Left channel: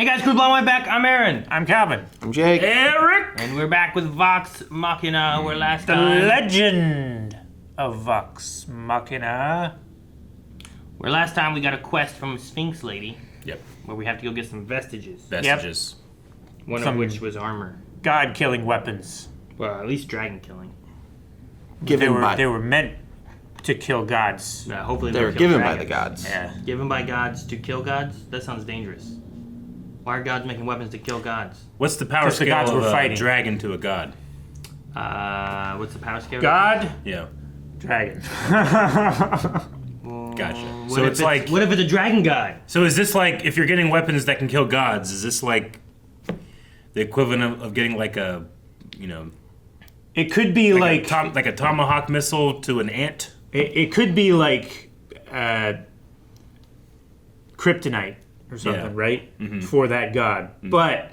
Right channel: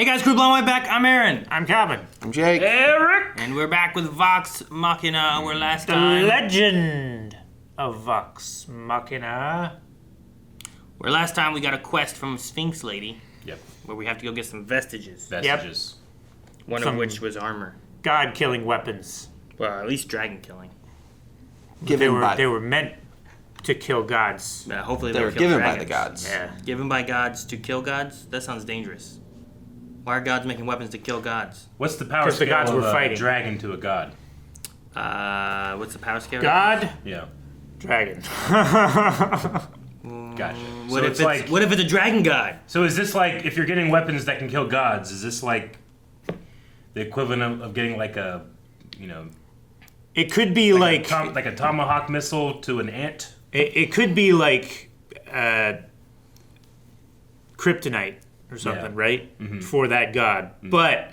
Hey guys, crew blowing back. I'm Aaron. I'm Calvin. I'm Jake. Eric. And we're back with Vox Machina. Where last time... The legend of Vox Machina. Where last time we got a quest from a Sphinx lady. Yep. Where we have to go get some vestiges. Vestiges. One of which was armor. God-killing weapons. Well, at least dragon killing. They were meant to kill gods. Yeah, hopefully They were kill given dragons. by the gods. Yeah. Given by gods to kill gods? That sounds dangerous. Why are gods making weapons to kill gods? What's the power 'Cause the scale gods of were a fighting. dragon to a god? What's the power scale? God, Yeah. dragon. Gotcha. What So if it's like... What if it's a dragon guy? So is this like, if you're getting weapons that can kill gods, is this like the equivalent of getting like a, you know... It could be like a tomahawk missile to an ant? it could be like kryptonite or something, right? Mm-hmm. For that god. Mm-hmm. But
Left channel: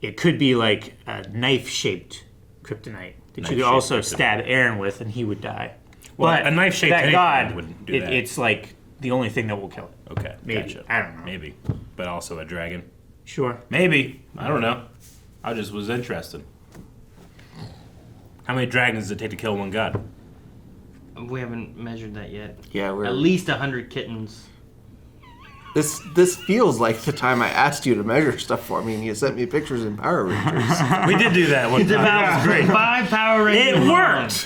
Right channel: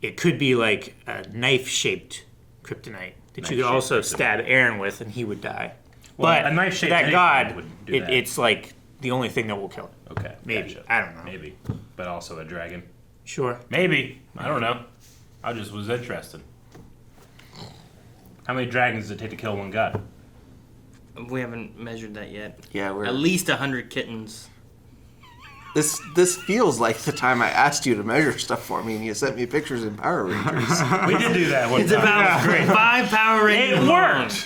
it could be like a knife-shaped kryptonite that you could also stab Aaron with and he would die. Well, but a knife-shaped that god, wouldn't do that. it's like the only thing that will kill it. Okay, Maybe. gotcha. I don't know. Maybe. But also a dragon. Sure. Maybe. I don't know. I just was interested. How many dragons does it take to kill one god? We haven't measured that yet. Yeah, we're At least 100 kittens. This feels like the time I asked you to measure stuff for me, and you sent me pictures in Power Rangers. We did do that one It's time. about 5 Power Rangers. It worked!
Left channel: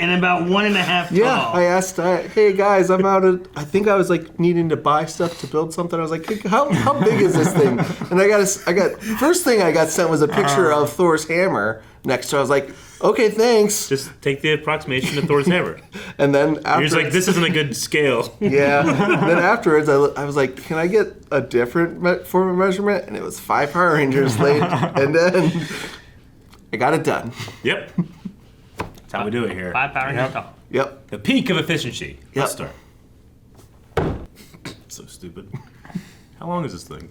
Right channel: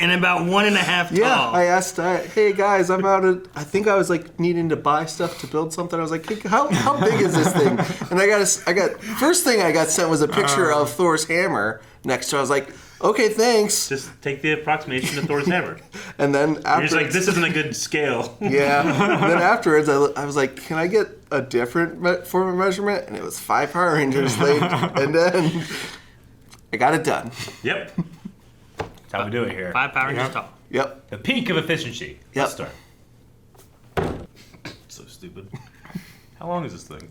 And about 1.5 tall. Yeah, I asked, hey guys, I'm out of. I think I was like needing to buy stuff to build something. I was like, hey, how big is this thing? And I got first thing I got sent was a picture of Thor's hammer next to. I was like, okay, thanks. Just take the approximation of Thor's hammer. And then You're just like, this isn't a good scale. Yeah. And then afterwards, I was like, can I get a different form of measurement? And it was 5 Power Rangers late. And then I got it done. Yep. That's how we do it here. 5 Power Rangers tall. Yep. The peak of efficiency. Yep. Let's start. So stupid. How long is this thing?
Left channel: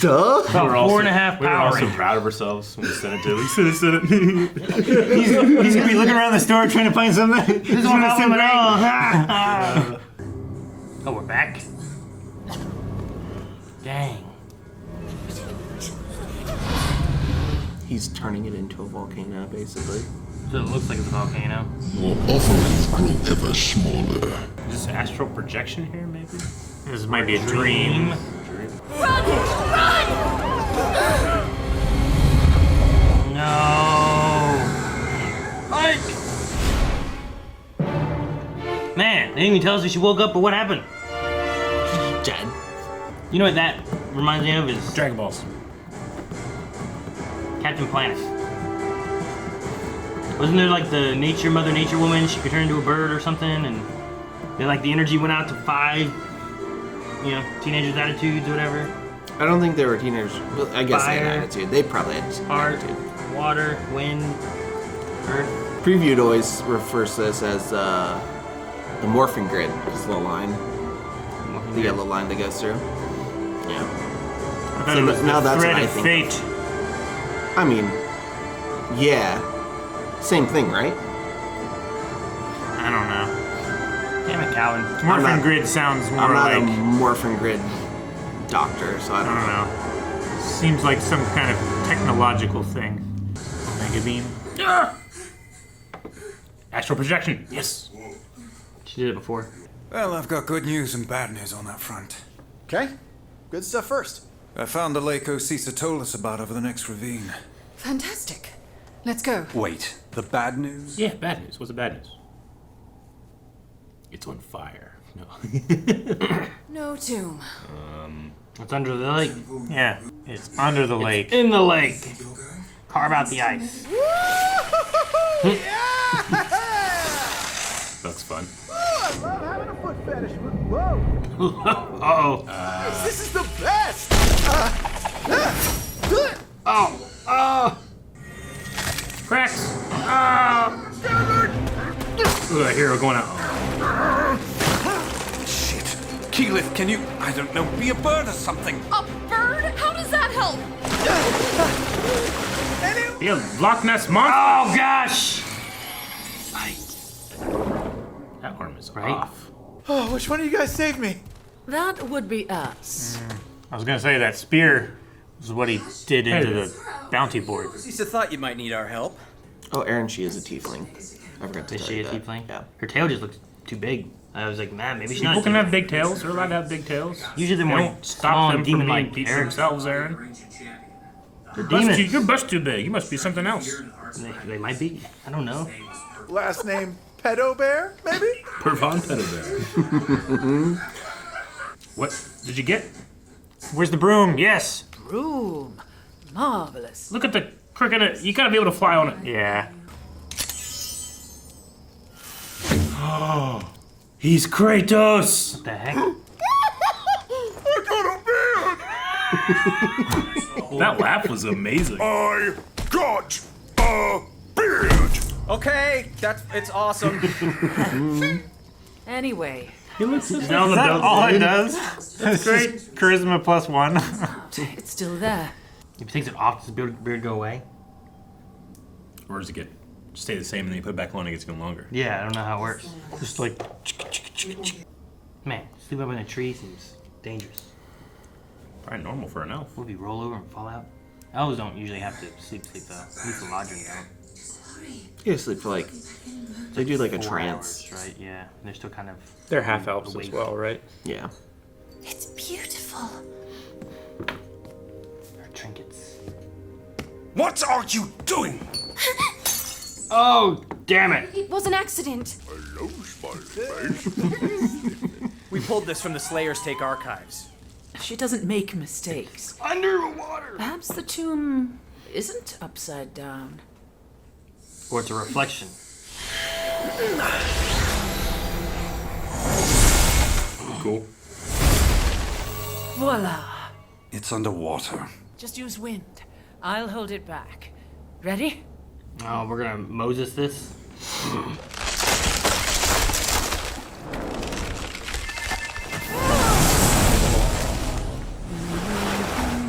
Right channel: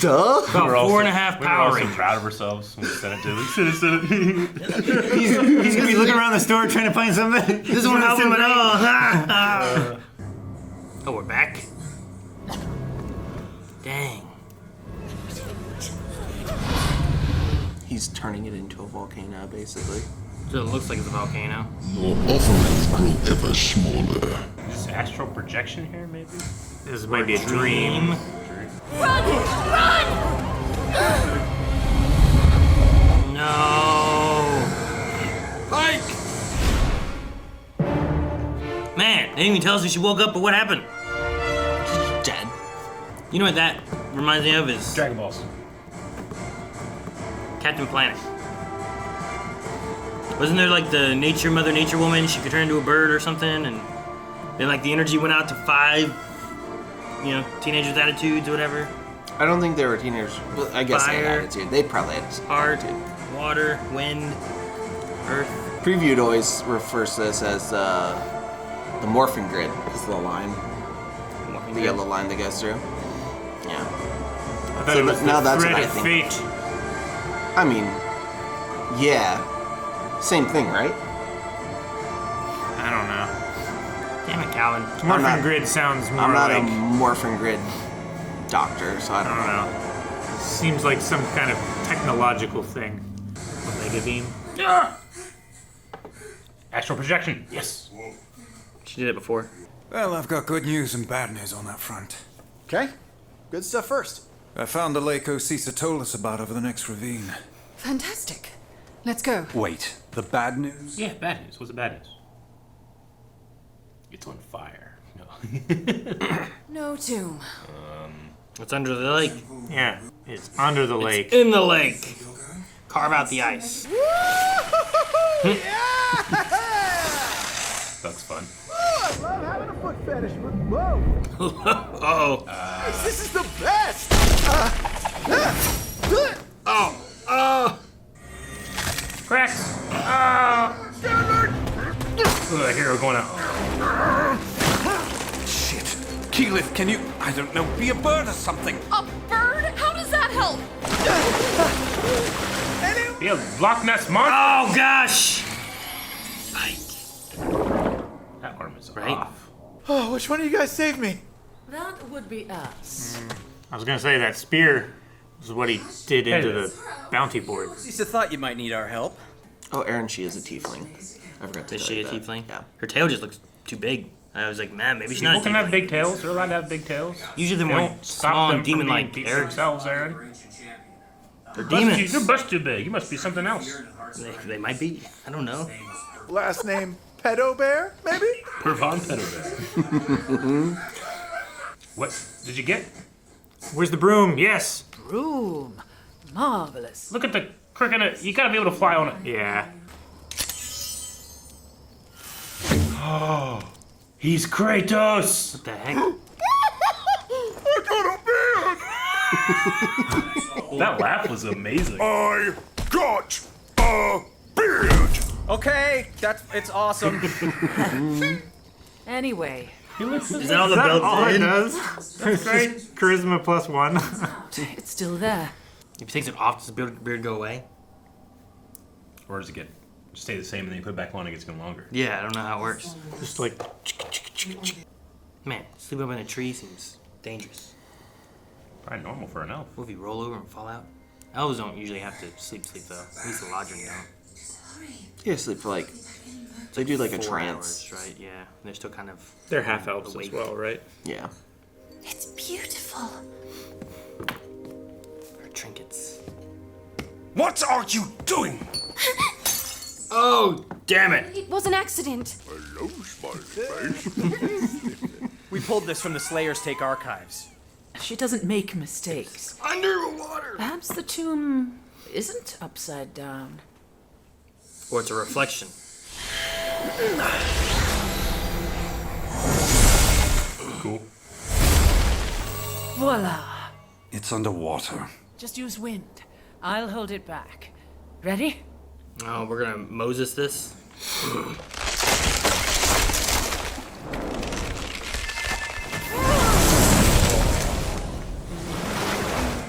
Duh. About We were 4.5 We were Power also Rangers. proud of ourselves when we sent it to him. He's gonna be looking around the store trying to find something. This won't help him at all. Oh, we're back? Dang. He's turning it into a volcano, basically. So it looks like it's a volcano. Your offerings grow ever smaller. Is this astral projection here, maybe? This might be a dream. Run! Run! No. Mike! Man, they didn't even tell us if she woke up or what happened. He's dead. You know what that reminds me of is Dragon Balls. Captain Planet. Wasn't there like the Mother Nature woman? She could turn into a bird or something, and then like the energy went out to 5, teenagers' attitudes, whatever. I don't think they were teenagers. Well, I guess they had Fire. attitude. They probably had some Heart, attitude. water, wind, earth. Previewed always refers to this as the morphing grid. Is the line. The yellow line that goes through. Yeah. I thought it was now the that's thread what I of think. fate. I mean, yeah. Same thing, right? I don't know. Damn it, Calvin. Morphin not- grid sounds more I'm not like a morphing grid doctor, so I I don't know. Seems like some kind of technological thing. Omega beam. Astral projection. Yes. She did it before. Well, I've got good news and bad news on that front. Okay, good stuff first. I found the lake Osisa told us about over the next ravine. Fantastic. Let's go. Wait, the bad news? Yeah, bad news. What's the bad news? It's on fire. No. No tomb. It's under the lake. Yeah, it's under the lake. In the lake. Carve out the ice. That's fun. Oh, I love having a foot fetish. Whoa, Oh. this is the best. Cracks. Look at that hero going out. Shit. Keyleth, can you, I don't know, be a bird or something? A bird? How does that help? Be a Loch Ness monster. Oh, gosh. That arm is Right? off. Oh, which one of you guys saved me? That would be us. I was gonna say that spear is what he did into the bounty board. At least I thought you might need our help. Oh, Aaron, she is a tiefling. I forgot to Is tell she a you that. tiefling? Yeah. Her tail just looks too big. I was like, man, maybe she's not. People can have big tails. They're allowed to have big tails. Usually they're They more don't stop small them and from being demon-like geeks characters. themselves, Aaron. They're Bust demons. your bust too big. You must be something else. They might be. I don't know. Last name Pedo Bear, maybe? Purvan Pedo Bear. What did you get? Where's the broom? Yes. Broom. Marvelous. Look at the crick in it. You gotta be able to fly on it. Yeah. Oh, he's Kratos. What the heck? I got a beard! That laugh was amazing. I got a beard! Okay, it's awesome. Anyway, Is that all the belts? All it does. That's great. Charisma +1. it's still there. If he takes it off, does the beard go away? Or does it stay the same and then you put it back on and it gets even longer? Yeah, I don't know how it works. Just like. Man, sleep up in a tree seems dangerous. Probably normal for an elf. What if you roll over and fall out? Elves don't usually have to sleep though. At least the lodgers don't. You sleep for like, they do like a 4 trance. hours, right? Yeah, they're still kind of. They're half elves as awake. well, right? Yeah. It's beautiful. Or trinkets. What are you doing? Oh, damn it! It was an accident. Hello, smiley face. We pulled this from the Slayer's Take archives. She doesn't make mistakes. Underwater. Perhaps the tomb isn't upside down. Or it's a reflection. Cool. Voila. It's underwater. Just use wind. I'll hold it back. Ready? Oh, we're gonna Moses this.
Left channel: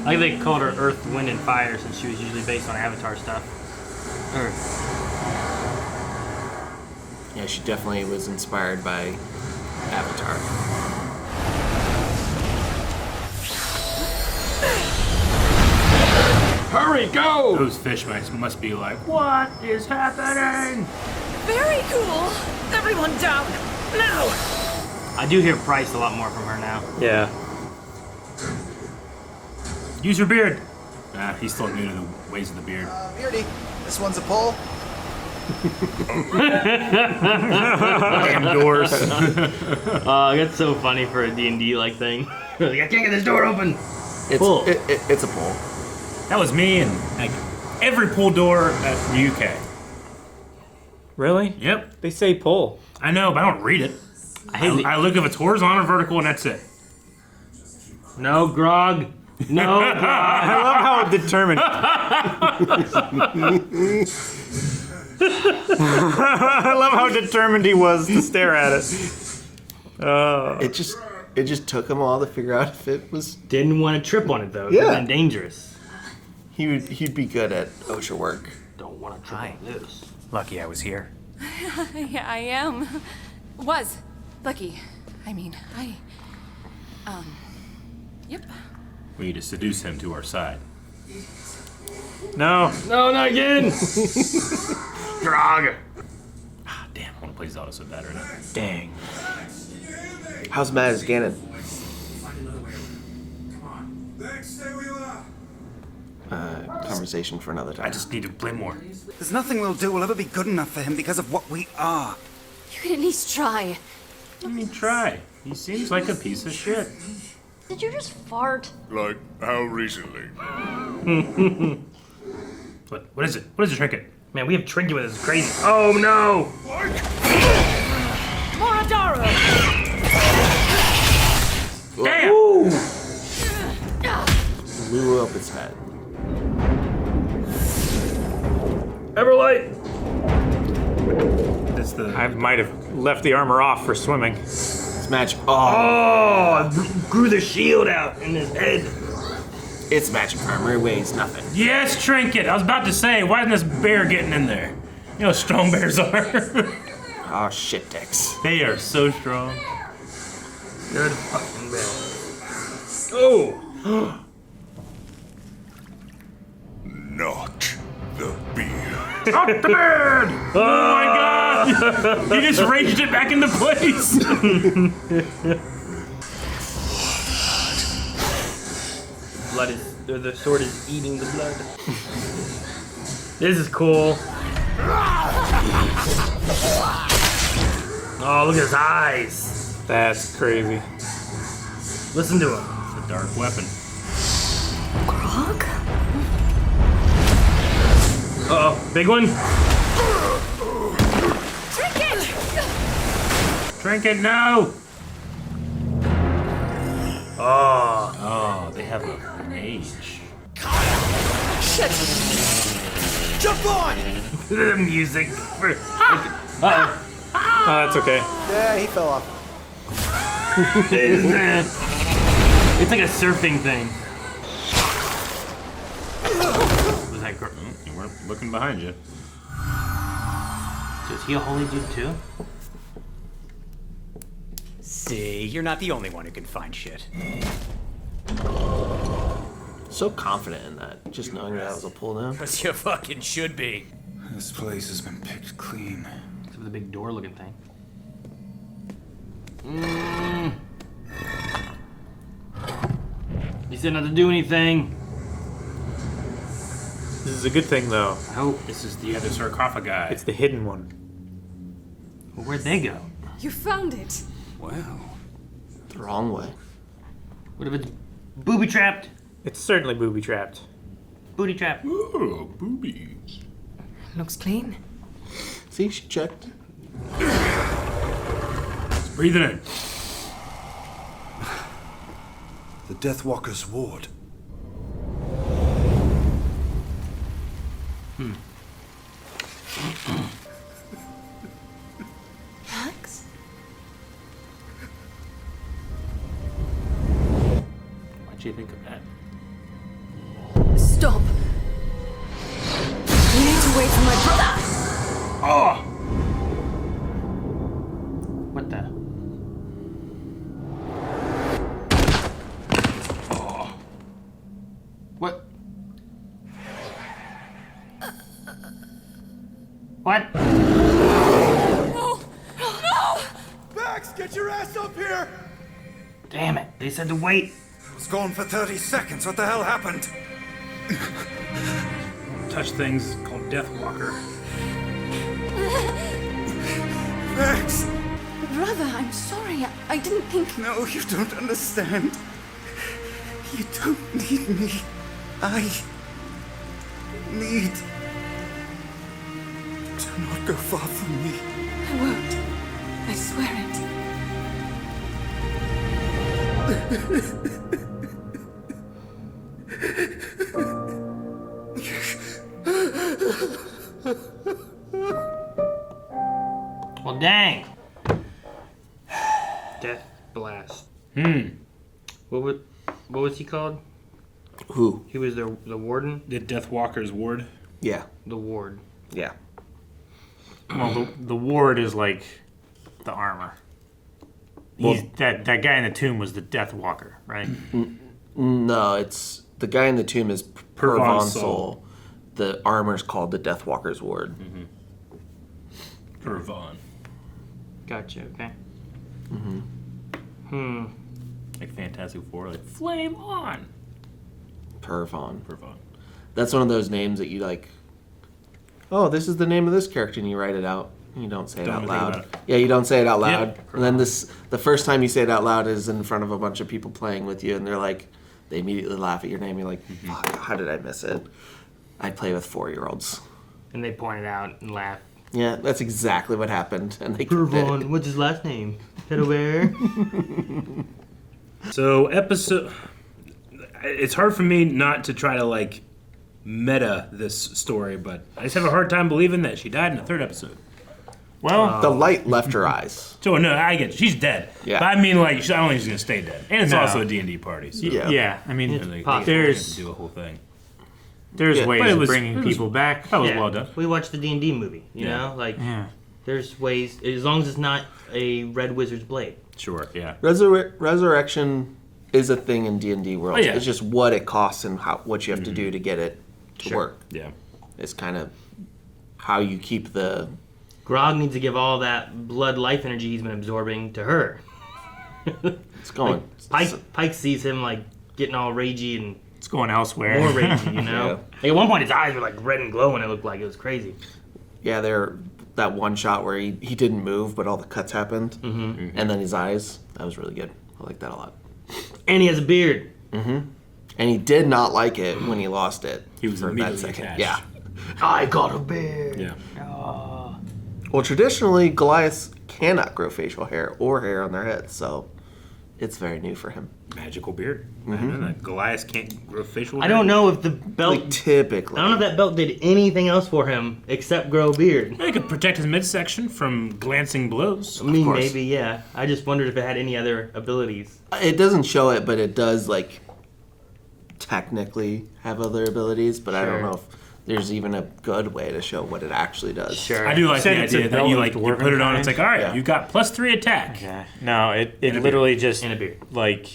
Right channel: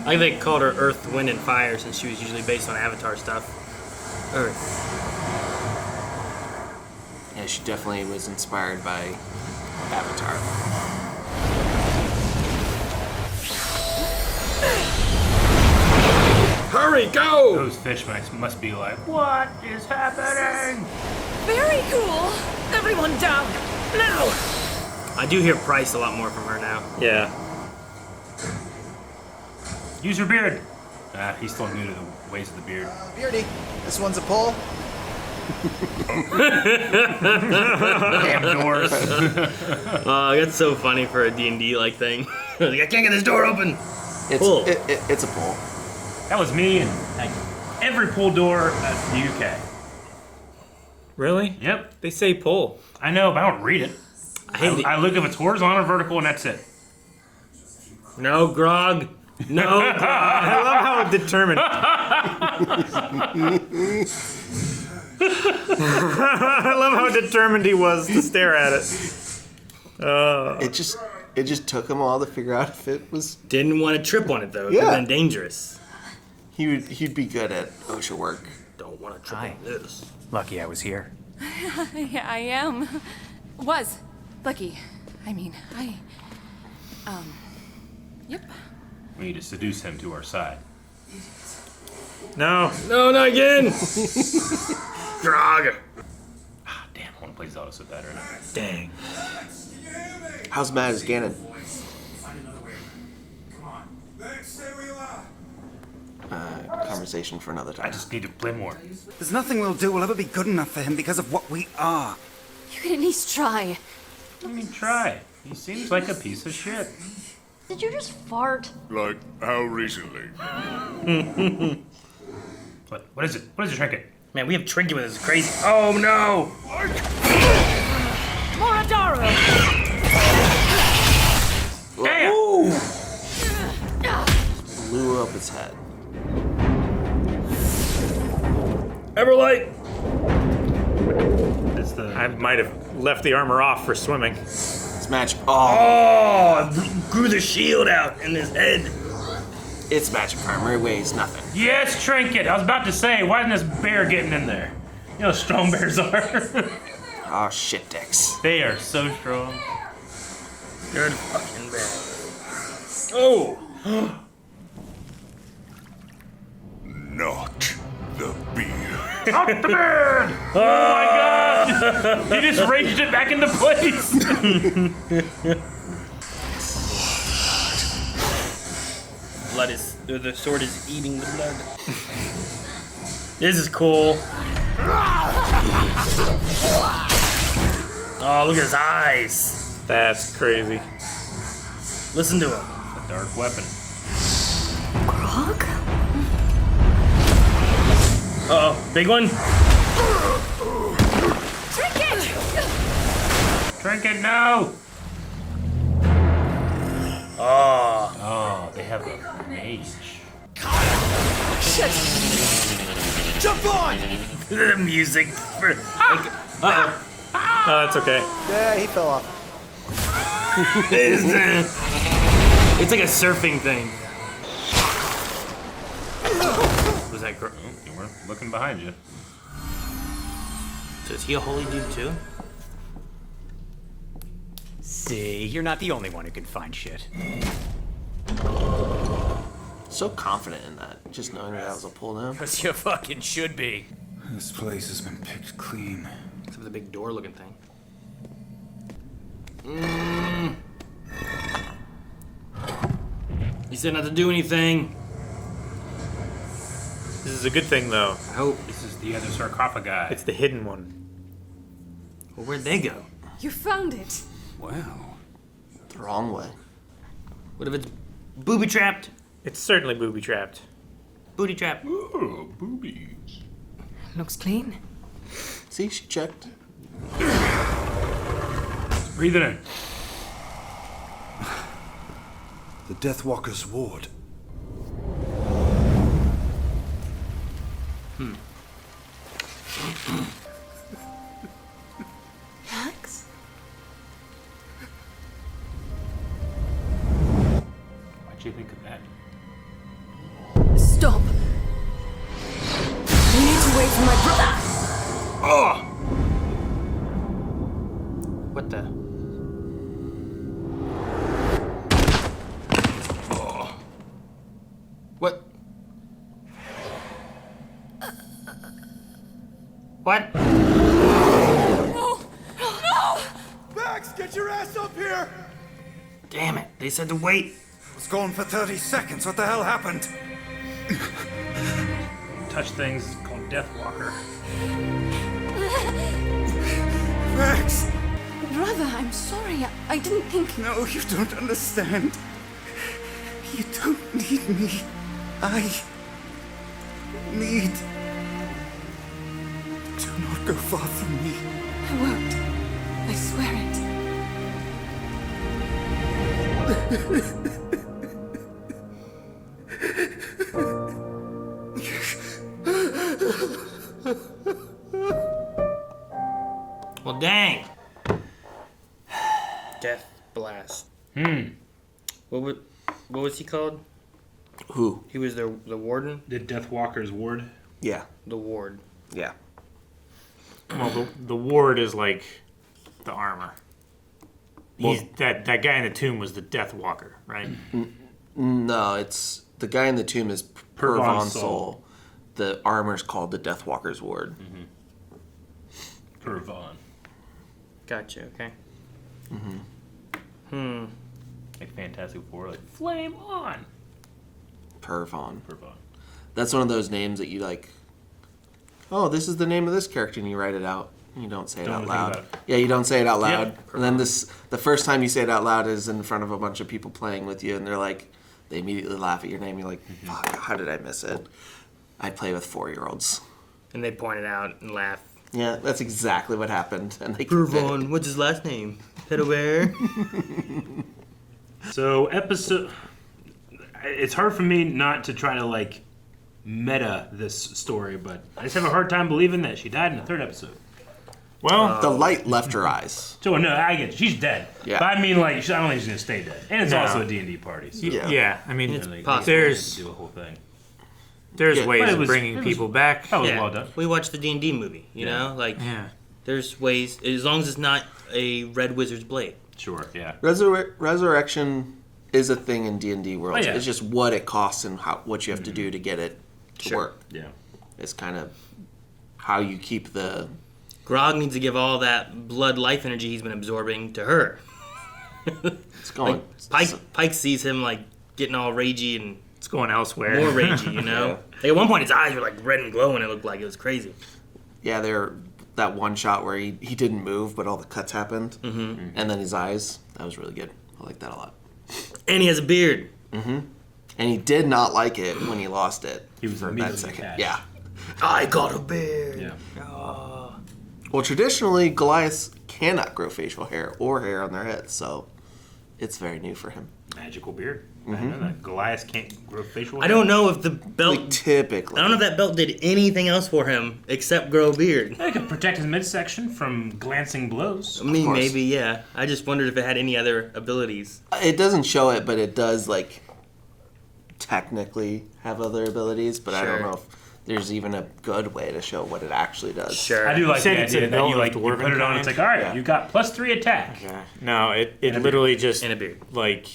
I think they called her Earth, Wind, and Fire since she was usually based on Avatar stuff. Earth. Yeah, she definitely was inspired by Avatar. Hurry, go! Those fish must be like, what is happening? Very cool. Everyone down. Now. I do hear Price a lot more from her now. Yeah. Use your beard. Nah, he's still new to the ways of the beard. Beardy, this one's a pull. Damn doors. That's so funny for a D&D like thing. Like, I can't get this door open. It's Pull. it's a pull. That was me and like, every pull door at the UK. Really? Yep. They say pull. I know, but I don't read it. I hate I look if it's horizontal or vertical and that's it. No, Grog. No, Grog. I love how determined. I love how determined he was to stare at it. It just took him a while to figure out if it was. Didn't want to trip on it, though. It could have Yeah. been dangerous. He'd be good at OSHA work. Don't want to trip Hi. on this. Lucky I was here. Yeah, I am. Was. Lucky. I mean, Yep. We need to seduce him to our side. No. No, not again. Grog. Ah, damn, I want to play Zelda so bad right now. Dang. How's Matt as Ganon? Conversation for another I time. just need to play more. There's nothing we'll do will ever be good enough for him because of what we are. You can at least try. I mean, try. He seems like a piece of shit. Did you just fart? Like, how recently? What is it? What is the trinket? Man, we have Trinket with us. It's crazy. Oh, no. Moradaro! Damn! Blew up its head. Everlight. It's the I might have left the armor off for swimming. It's magic. Oh, grew the shield out in his head. It's magic armor. It weighs nothing. yes, trinket. I was about to say, why isn't this bear getting in there? You know how strong bears are. Oh shit, dicks. They are so strong. They're fucking bad. Oh, Not the beer. Not the beard! Oh my god! He just raged it back into place! The sword is eating the blood. This is cool. Oh, look at his eyes. That's crazy. Listen to him. A dark weapon. Grog? Uh-oh, big one. Trinket! Trinket, no! Oh, they have a mage. Shit! Jump on! The music. Oh, that's okay. Yeah, he fell off. It's like a surfing thing. Was that girl? We're looking behind you. So is he a holy dude too? See, you're not the only one who can find shit. So confident in that, just knowing that was a pull down. Because you fucking should be. This place has been picked clean. Except for the big door looking thing. He said not to do anything. This is a good thing, though. Oh, this is the other sarcophagi. It's the hidden one. Well, where'd they go? You found it. Wow. The wrong way. What if it's booby trapped? It's certainly booby trapped. Booty trap. Ooh, boobies. Looks clean. See, she checked. Breathe it in. The Deathwalker's ward. Max? Why'd you think of that? Stop. You need to wait for my brother. Oh! What the? Oh. What? What? No! Max, get your ass up here! Damn it, they said to wait. I was gone for 30 seconds. What the hell happened? Touch things called Deathwalker. Max! Brother, I'm sorry. I didn't think. No, you don't understand. You don't need me. I need. Do not go far from me. I won't. I swear it. Well, dang. Death blast. What was he called? Who? He was the warden. The Deathwalker's ward. Yeah. The ward. Yeah. Well, the ward is like the armor. He's, that guy in the tomb was the Death Walker, right? No, it's the guy in the tomb is Purvan Purvan Soul. The armor's called the Deathwalker's ward. Purvan. Gotcha. Okay. Like Fantastic Four, like flame on. Purvan. Purvan. That's one of those names that you like. Oh, this is the name of this character, and you write it out. You don't say it Don't out think loud. about it. Yeah, you don't say it out loud. Yep. And then the first time you say it out loud is in front of a bunch of people playing with you, and they're like, they immediately laugh at your name. You're like, fuck, how did I miss it? I play with 4-year-olds. And they point it out and laugh. Yeah, that's exactly what happened. And they can fit it. Purvan. What's his last name? Pedobear. So it's hard for me not to try to like meta this story, but I just have a hard time believing that she died in the 3rd episode. Well, The light left her eyes. So no, I get it. She's dead. Yeah. But I mean, like, I don't think she's gonna stay dead, and it's No. also a D&D party. So Yeah. I mean, It's they possible. there's do a whole thing. there's Yeah. But ways it of was- bringing it was- people back. That was Yeah. well done. We watched the D&D movie. You know, like Yeah. there's ways as long as it's not a red wizard's blade. Sure, yeah. Resurrection is a thing in D&D world. Oh, yeah. It's just what it costs and what you have to do to get it to work. Yeah. It's kind of how you keep the... Grog needs to give all that blood life energy he's been absorbing to her. It's going... Pike sees him like getting all ragey and It's going elsewhere. more ragey, you know? Yeah. Like at one point his eyes were like red and glowing, it looked like it was crazy. Yeah, that one shot where he didn't move, but all the cuts happened. Mm-hmm. And then his eyes, that was really good. I like that a lot. And he has a beard. Mm-hmm. And he did not like it when he lost it. He was for that immediately second. attached. Yeah. I got a beard. Yeah. Well, traditionally, Goliaths cannot grow facial hair or hair on their heads, so it's very new for him. Magical beard. Goliath can't grow facial I don't know if the belt... Like, typically. I don't know if that belt did anything else for him except grow a beard. It could protect his midsection from glancing blows. I mean, maybe, yeah. I just wondered if it had any other abilities. It doesn't show it, but it does, like, technically have other abilities, but I don't know if there's even a good way to show what it actually does. Sure. I do like the idea that you like you put it on. It's like, all right, you got +3 attack. No, it literally just And a beard. like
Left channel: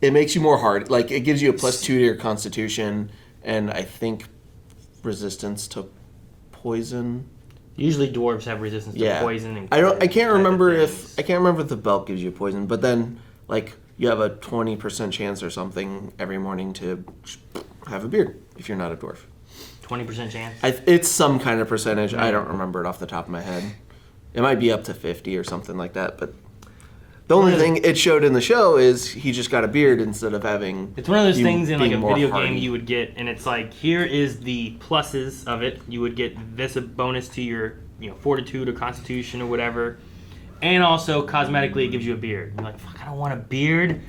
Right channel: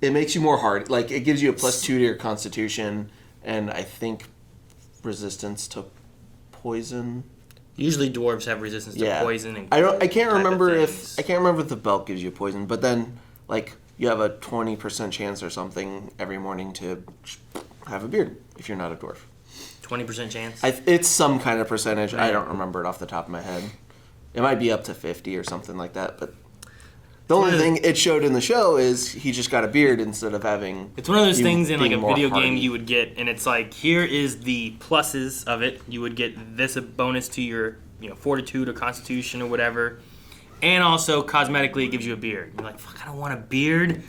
It makes you more hard. Like, it gives you a +2 to your constitution, and I think resistance to poison. Usually dwarves have resistance to poison. And I can't remember things. if the belt gives you poison, but then like you have a 20% chance or something every morning to have a beard if you're not a dwarf. 20% chance. It's some kind of percentage. I don't remember it off the top of my head. It might be up to 50 or something like that. But the only thing it showed in the show is he just got a beard instead of having. It's one of those things in like a being more video game hardy. you would get, and it's like here is the pluses of it. You would get this a bonus to your fortitude or constitution or whatever, and also cosmetically it gives you a beard. You're like, fuck, I don't want a beard.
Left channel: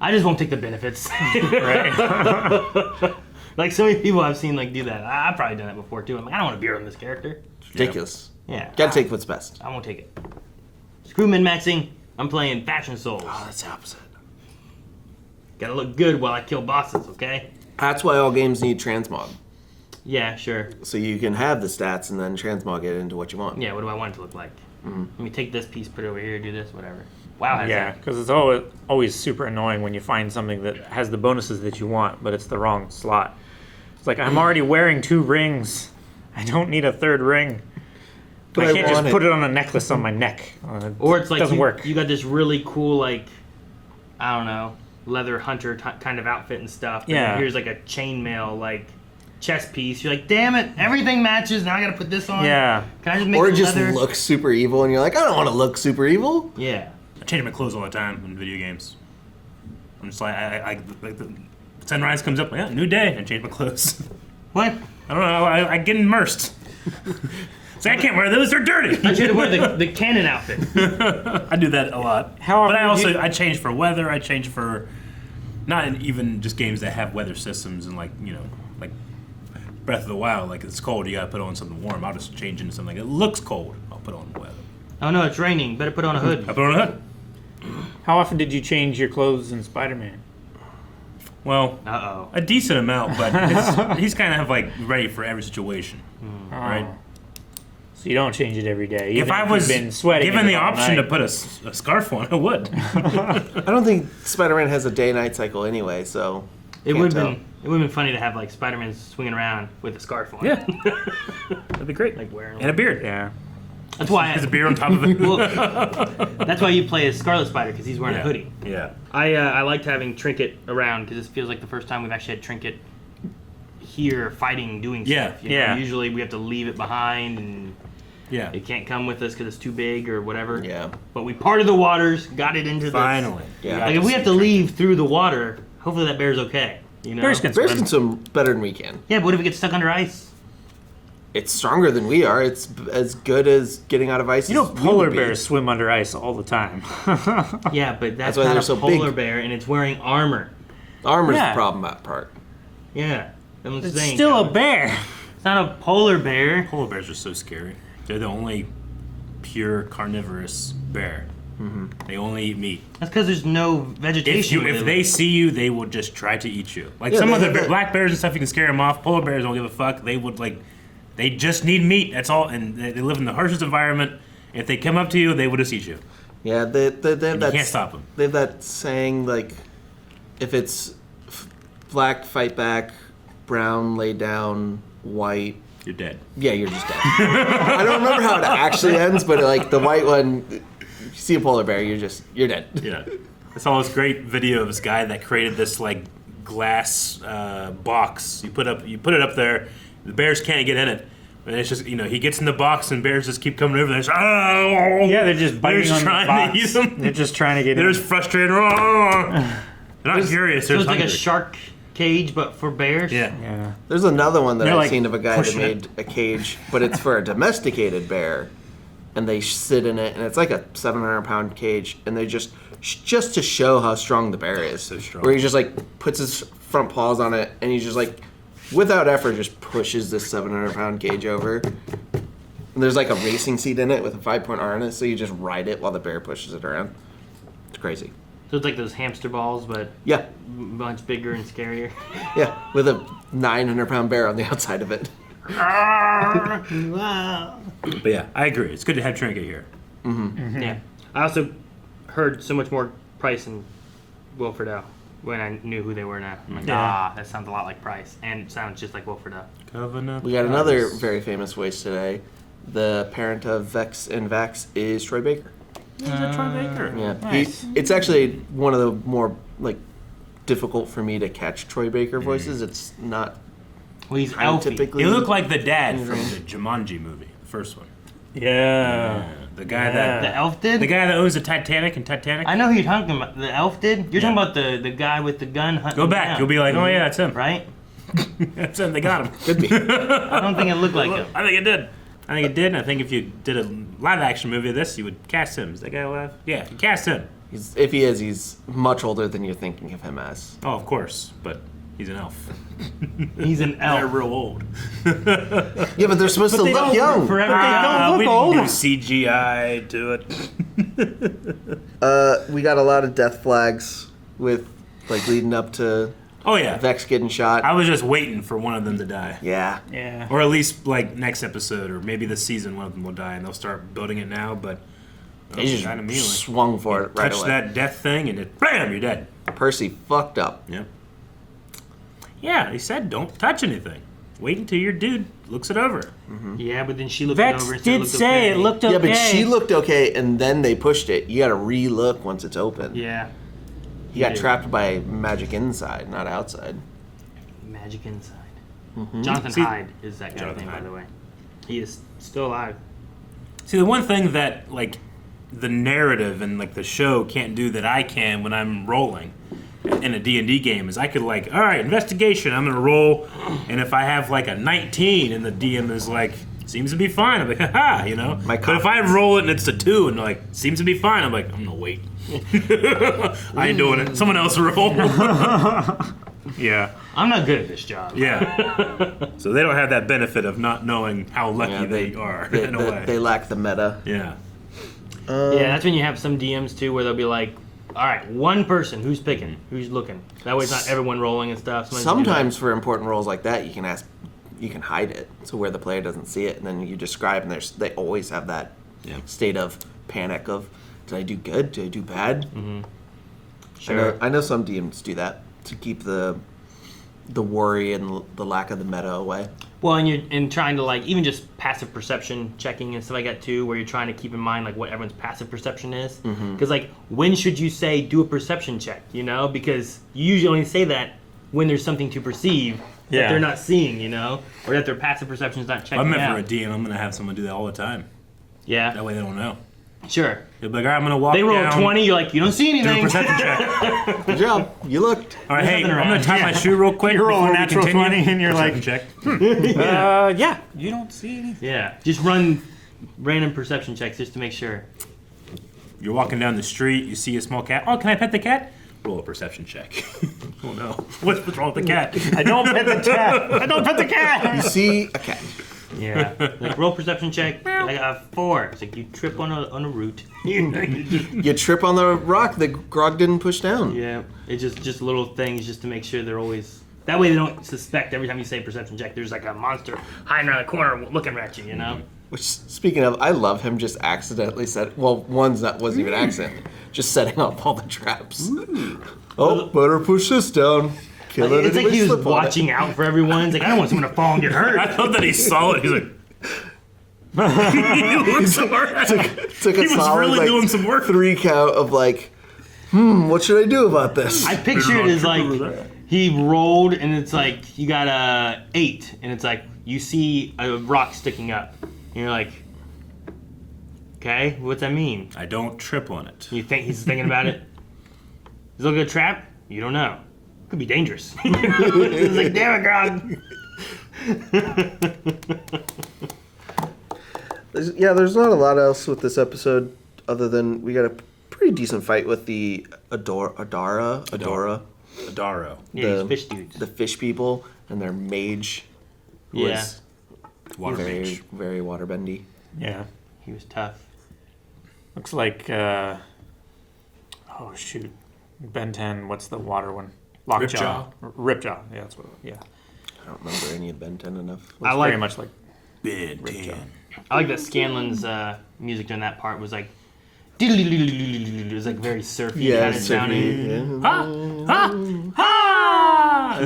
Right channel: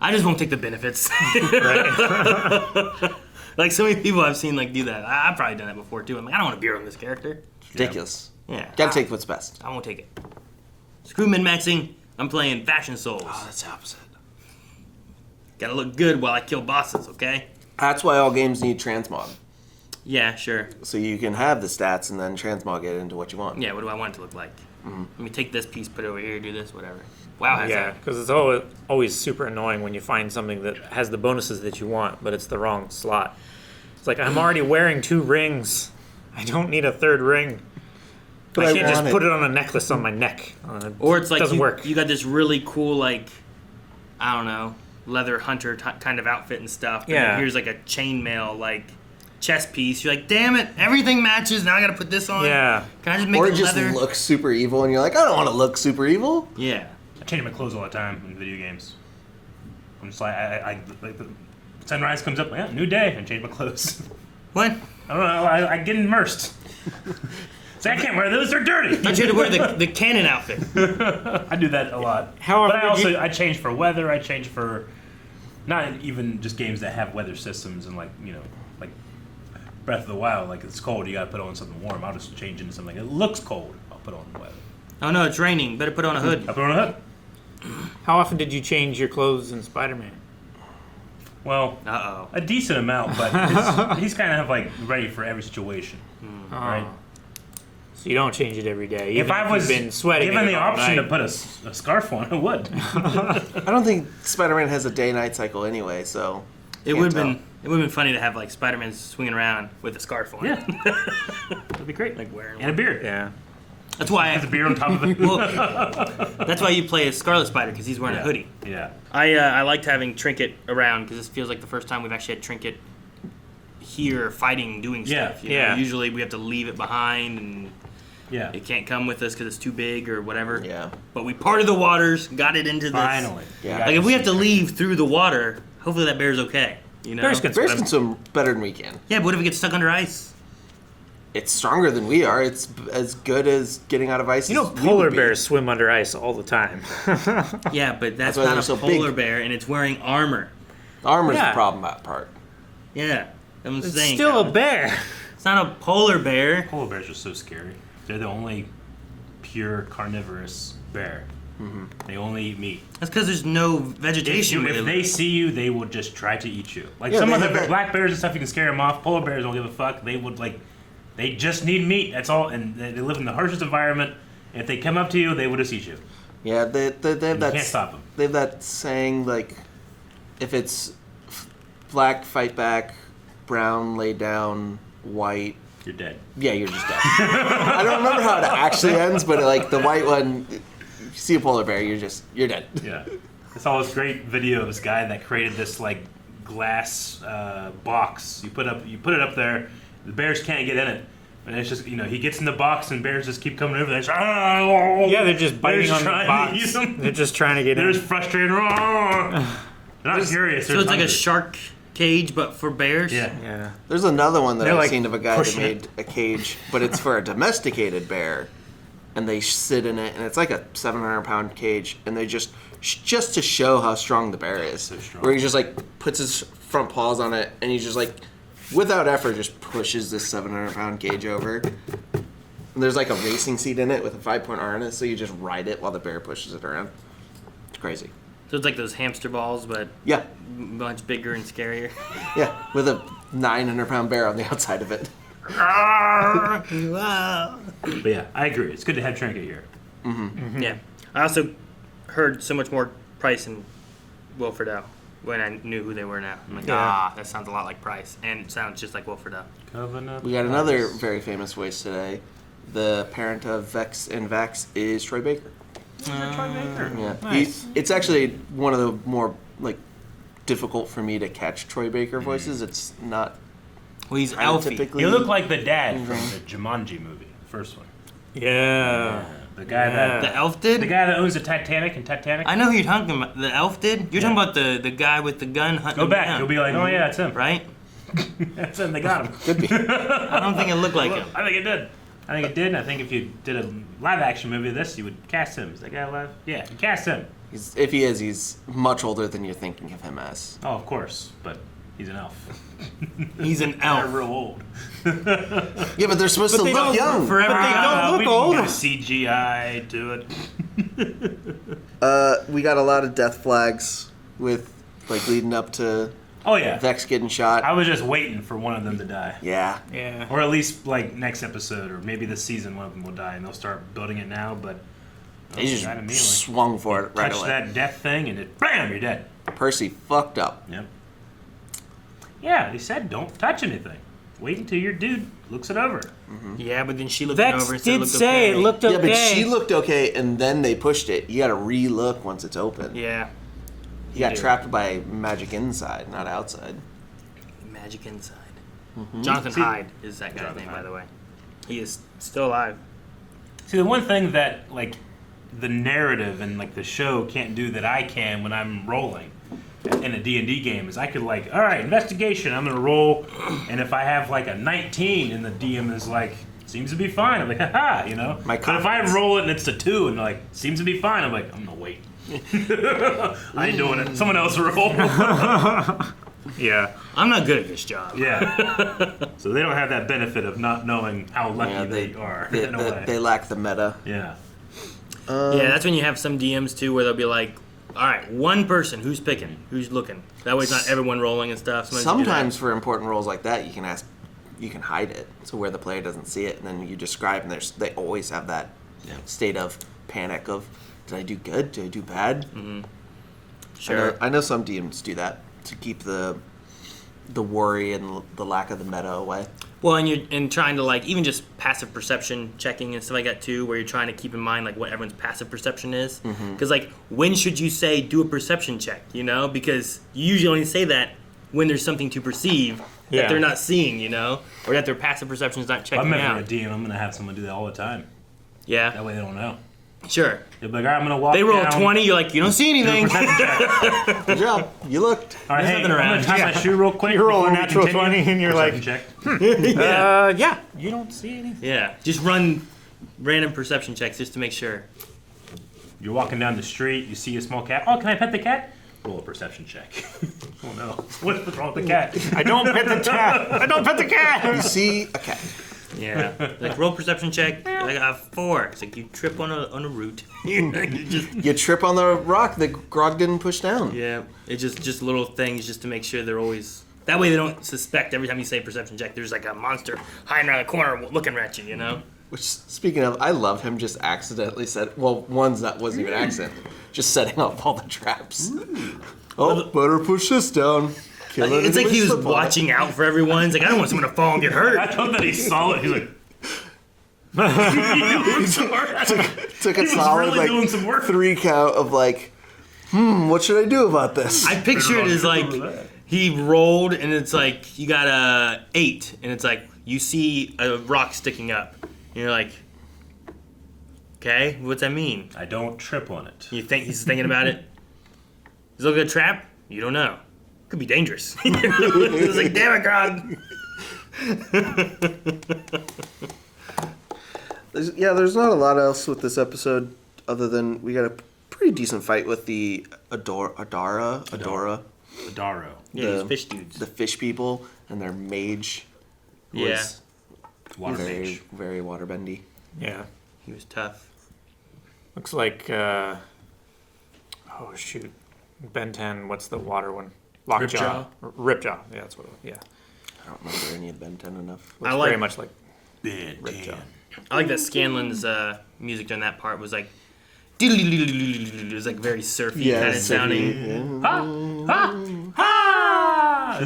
I just won't take the benefits. Right. Like so many people I've seen like do that. I've probably done that before too. I'm like, I don't want a beard on this character. Ridiculous. Yeah. Gotta take what's best. I won't take it. Screw min-maxing. I'm playing Fashion Souls. Oh, that's the opposite. Gotta look good while I kill bosses, okay? That's why all games need transmog. Yeah, sure. So you can have the stats and then transmog it into what you want. Yeah, what do I want it to look like? Let me take this piece, put it over here, do this, whatever. WoW has yeah, that. because it's always super annoying when you find something that has the bonuses that you want, but it's the wrong slot. It's like, I'm already wearing 2 rings. I don't need a 3rd ring. But I can't just put it on a necklace on my neck. Or it's like doesn't work. You got this really cool, like, I don't know, leather hunter kind of outfit and stuff. And Yeah. here's like a chainmail, like, chest piece. You're like, damn it, everything matches. Now I gotta put this on. Yeah. Can I just make Or it just leather? look super evil and you're like, I don't want to look super evil. Yeah. I change my clothes all the time in video games. I'm just like, I like the sunrise comes up, new day, and change my clothes. What? I don't know, I get immersed. Say, I can't wear those, they're dirty. I tried to wear the cannon outfit. I do that a lot. How but I often also, I change for weather, I change for, not even just games that have weather systems and like Breath of the Wild, like it's cold, you gotta put on something warm. I'll just change into something that looks cold, I'll put on the weather. Oh no, it's raining. Better put on a hood. I put on a hood. How often did you change your clothes in Spider-Man? Well, Uh-oh. a decent amount, but he's kind of like ready for every situation, right? So you don't change it every day. If I was you've been sweating given the it all option to night. put a scarf on, I would. I don't think Spider-Man has a day-night cycle anyway, so... It would have been funny to have like Spider-Man swinging around with a scarf on. Yeah. That'd be great. Like wearing And a beard. Yeah. That's why I Has a beard on top of it. Well, that's why you play as Scarlet Spider because he's wearing a hoodie. Yeah. I liked having Trinket around because this feels like the first time we've actually had Trinket here fighting, doing stuff. You know, Yeah. usually we have to leave it behind and Yeah. it can't come with us because it's too big or whatever. Yeah. But we parted the waters, got it into this. Finally. Yeah. Like if we have to leave through the water, hopefully that bear's okay. You know? Bears can Bears swim. can swim better than we can. Yeah, but what if it gets stuck under ice? It's stronger than we are. It's as good as getting out of ice. You know, as we polar would be. bears swim under ice all the time. Yeah, but that's why not they're a so polar big. bear and it's wearing armor. Armor's Yeah. the problem that part. Yeah. I'm It's saying, still a bear. It's not a polar bear. Polar bears are so scary. They're the only pure carnivorous bear. Mm-hmm. They only eat meat. That's because there's no vegetation. If they see you, they will just try to eat you. Like Yeah, some they other have black bears and stuff, you can scare them off. Polar bears don't give a fuck. They would they just need meat. That's all, and they live in the harshest environment. If they come up to you, they will just eat you. Yeah, they have You that. can't stop them. They have that saying like, if it's black, fight back, brown, lay down, white. You're dead. Yeah, you're just dead. I don't remember how it actually ends, but like the white one, you see a polar bear, you're dead. Yeah. I saw this great video of this guy that created this like glass box. You put it up there. The bears can't get in it. And it's just, he gets in the box and bears just keep coming over there. Yeah, they're just biting just on the trying box. to eat them. They're just trying to get They're in. just frustrated. They're not curious. So They're it's like a hungry. shark cage, but for bears? Yeah. Yeah. There's another one that They're, I've like, seen of a guy that pushing made a cage, but it's for a domesticated bear, and they sit in it, and it's like a 700-pound cage, and they just to show how strong the bear is. So strong. Where he just like puts his front paws on it, and he just like, without effort, just pushes this 700-pound cage over. And there's like a racing seat in it with a 5-point harness, so you just ride it while the bear pushes it around. It's crazy. So it's like those hamster balls, but Yeah, much bigger and scarier. yeah, with a 900-pound bear on the outside of it. Wow. But yeah, I agree. It's good to have Trinket here. Yeah. I also heard so much more Price and Wilfred O. when I knew who they were now. I'm like, that sounds a lot like Price, and it sounds just like Wilfred O. Covenant. We got another very famous voice today. The parent of Vex and Vax is Troy Baker. Troy Baker. Yeah, Nice. it's actually one of the more like difficult for me to catch Troy Baker voices. It's not. Well, he's I Elfie. typically- He looked like the dad from the Jumanji movie, the first one. Yeah. The guy The that elf did? the guy that owns the Titanic and Titanic. I know who you're talking about. The elf did? You're talking about the guy with the gun hunting Go him back. down, You'll be like, oh yeah, it's him. right? That's him. They got him. Could be. I don't think it looked like him. I think it did. And I think if you did a live action movie of this, you would cast him. Is that guy alive? Yeah, you cast him. If he is, he's much older than you're thinking of him as. Oh, of course, but he's an elf. He's an They're elf. real old. Yeah, but they're supposed to they look don't young. forever But they young. don't look we old. do CGI to it. We got a lot of death flags with like leading up to Oh yeah. Vex getting shot. I was just waiting for one of them to die. Yeah. Yeah. Or at least like next episode, or maybe this season, one of them will die, and they'll start building it now. But He just kinda immediately. swung for it right touch away. that death thing, and it bam, you're dead. Percy fucked up. Yep. Yeah, they said don't touch anything. Wait until your dude looks it over. Yeah, but then she looked Vex over and said did it looked say okay. it looked okay. Yeah, but she looked okay, and then they pushed it. You got to re-look once it's open. Yeah. He got trapped by magic inside, not outside. Magic inside. Jonathan Hyde is that guy's Jonathan name, by Hyde. the way. He is still alive. See, the one thing that like the narrative and like the show can't do that I can when I'm rolling in a D&D game is I could like, all right, investigation, I'm gonna roll, and if I have like a 19 and the DM is like, seems to be fine, I'm like, haha, you know. My But if I confidence. roll it and it's a 2 and like seems to be fine, I'm like, I'm gonna wait. I ain't doing it. Someone else roll. Yeah. I'm not good at this job. Yeah. So they don't have that benefit of not knowing how lucky Yeah, they are they, in a they- way. they lack the meta. Yeah. Yeah, that's when you have some DMs too where they'll be like, all right, one person, who's picking? Who's looking? That way it's not everyone rolling and stuff. Sometimes for important roles like that, you can hide it so where the player doesn't see it, and then you describe, and they always have that state of panic of, did I do good? Did I do bad? Sure. I know some DMs do that to keep the worry and the lack of the meta away. Well, and you're trying to like even just passive perception checking and stuff like that too, where you're trying to keep in mind like what everyone's passive perception is. Because like when should you say do a perception check? You know, because you usually only say that when there's something to perceive that they're not seeing. You know, or that their passive perception is not checking I'm out. never a DM. I'm gonna have someone do that all the time. Yeah. That way they don't know. Sure. They'll be like, all right, I'm gonna walk. They roll a down, 20. You're like, you don't see do a anything. perception check. Good job. You looked. All right, hey, nothing I'm gonna around. tie my shoe real quick. You roll a before we natural continue. 20 and you're like, Perception check. yeah, you don't see anything. Yeah. Just run random perception checks just to make sure. You're walking down the street. You see a small cat. Oh, can I pet the cat? Roll a perception check. Oh no, what's wrong with the cat? I don't pet the cat. I don't pet the cat. You see a cat. Yeah. Like roll perception check. I got 4. It's like you trip on a root. You just- You trip on the rock that Grog didn't push down. yeah. It's just little things just to make sure they're always. That way they don't suspect every time you say perception check. There's like a monster hiding around the corner looking at you. You know. Which, speaking of, I love him just accidentally wasn't even accidentally, just setting up all the traps. Oh, better push this down. Kill it. It's like he was watching out for everyone. He's like, I don't want someone to fall and get hurt. I thought that he saw it. He's like, took a he was solid, really doing some work. 3 count of like, what should I do about this? I picture it as like he rolled and it's like you got a 8 and it's like you see a rock sticking up and you're like, okay, what's that mean? I don't trip on it. You think he's thinking about it? Is it a good trap? You don't know. It could be dangerous. He's like, damn it, Grog. There's not a lot else with this episode other than we got a pretty decent fight with the Adaro. Yeah, these fish dudes. The fish people and their mage was mage. very waterbendy. Yeah. He was tough. Looks like, oh shoot. Ben 10, what's the water one? Lockjaw. Ripjaw. Yeah, that's what yeah. I don't remember any of Ben 10 enough. Looks very much like Ben 10. I like that Scanlan's music during that part was like, it was like very surfy kind of sounding.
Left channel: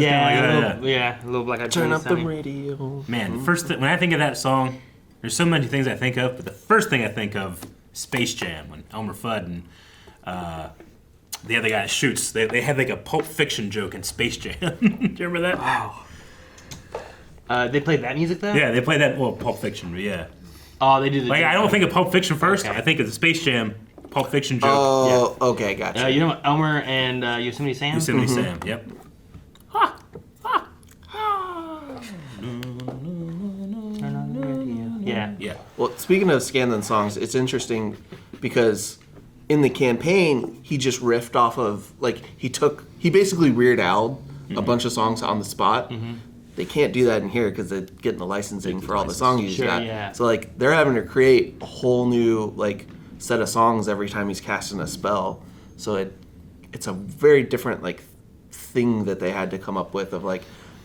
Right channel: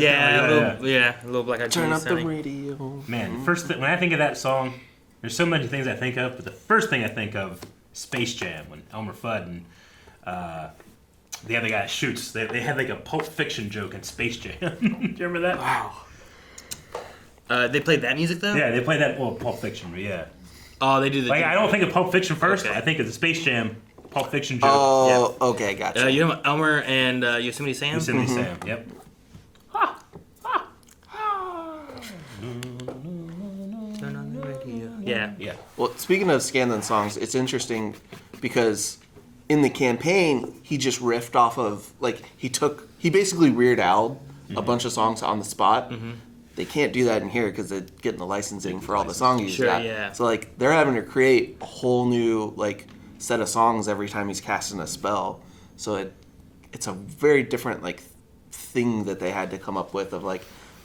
Yeah. A little Black Eyed Peas Turn up sounding. the radio. Man, when I think of that song, there's so many things I think of, but the first thing I think of is Space Jam when Elmer Fudd and the other guy shoots. They had like a Pulp Fiction joke in Space Jam. Do you remember that? Wow. They played that music though? Yeah, they played that. Well, Pulp Fiction, but yeah. Oh, they do the. I don't think of Pulp Fiction first. Okay. I think of the Space Jam, Pulp Fiction joke. Oh, yeah. Okay, gotcha. You know Elmer and Yosemite Sam? Yosemite Sam, yep. Yeah. Well, speaking of Scanlan songs, it's interesting because in the campaign, he just riffed off of, he basically Weird Al'd a bunch of songs on the spot. Mm-hmm. They can't do that in here because they're getting the licensing for all the songs he's got. Yeah. So, they're having to create a whole new, set of songs every time he's casting a spell. So it's a very different, thing that they had to come up with of,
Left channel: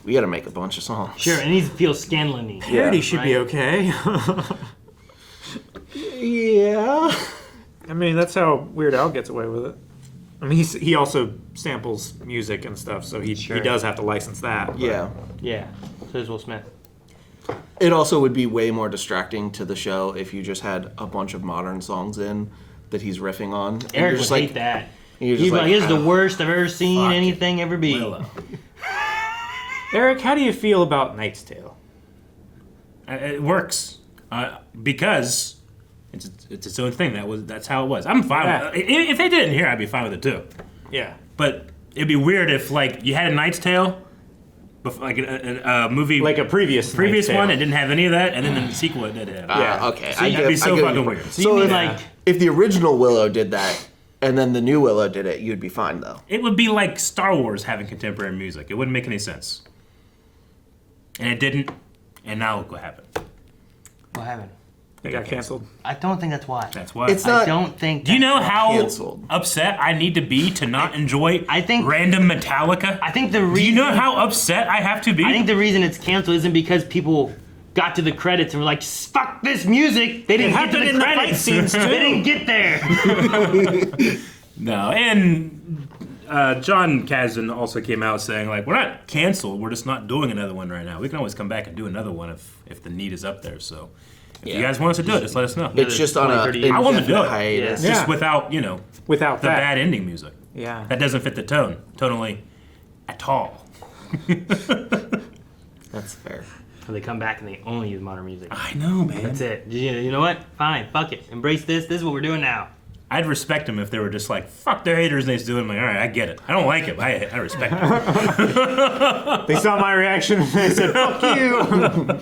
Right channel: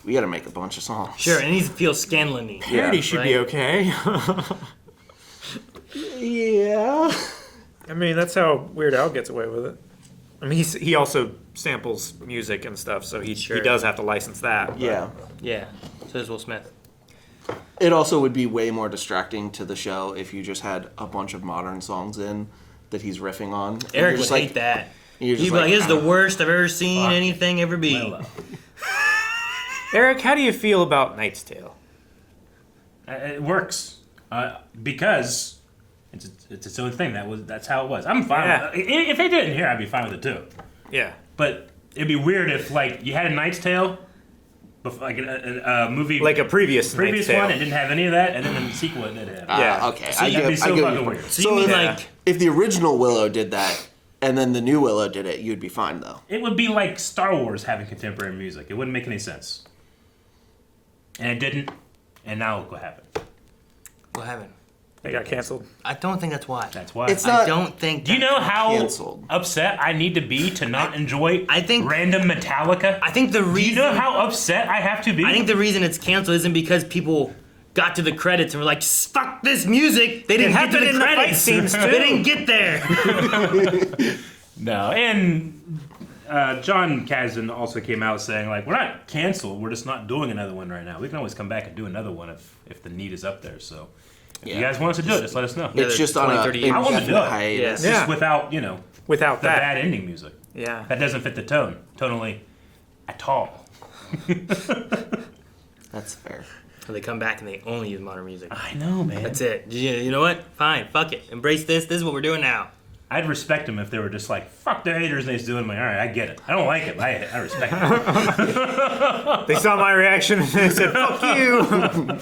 we got to make a bunch of songs. Sure, and he feels Scanlan-y. Parody should be okay. Yeah. I mean, that's how Weird Al gets away with it. I mean, he also samples music and stuff, so he does have to license that. Yeah. Yeah. So does Will Smith. It also would be way more distracting to the show if you just had a bunch of modern songs in that he's riffing on. Eric would hate that. He'd be like, "This is the worst I've ever seen anything ever be." Eric, how do you feel about Knight's Tale? It works because it's its own thing. That's how it was. I'm fine with it. If they did it in here, I'd be fine with it too. Yeah. But it'd be weird if you had a Knight's Tale, a movie, like a previous one, it didn't have any of that, and then the sequel it did have. Okay. So that'd be so fucking weird. So if the original Willow did that, and then the new Willow did it, you'd be fine though. It would be like Star Wars having contemporary music. It wouldn't make any sense. And it didn't, and now look what happened. What happened? It got canceled. I don't think that's why. That's why. It's not. I don't think. Do you know how canceled. upset I need to be to not enjoy random Metallica? I think the reason. Do you know how upset I have to be? I think the reason it's canceled isn't because people got to the credits and were like, "Fuck this music." They didn't get to the credits. They didn't get there. No, and John Kasdan also came out saying, we're not canceled. We're just not doing another one right now. We can always come back and do another one if the need is up there. So if you guys want us to do it, just let us know. It's just on a I want to do it. hiatus. Just without, without the that bad ending music. Yeah. That doesn't fit the tone, tonally, at all. That's fair. So they come back and they only use modern music. I know, man. That's it. You know what? Fine. Fuck it. Embrace this. This is what we're doing now. I'd respect them if they were just fuck the haters they do it. I'm like, all right, I get it. I don't like it. I respect them. They saw my reaction and they said, fuck you.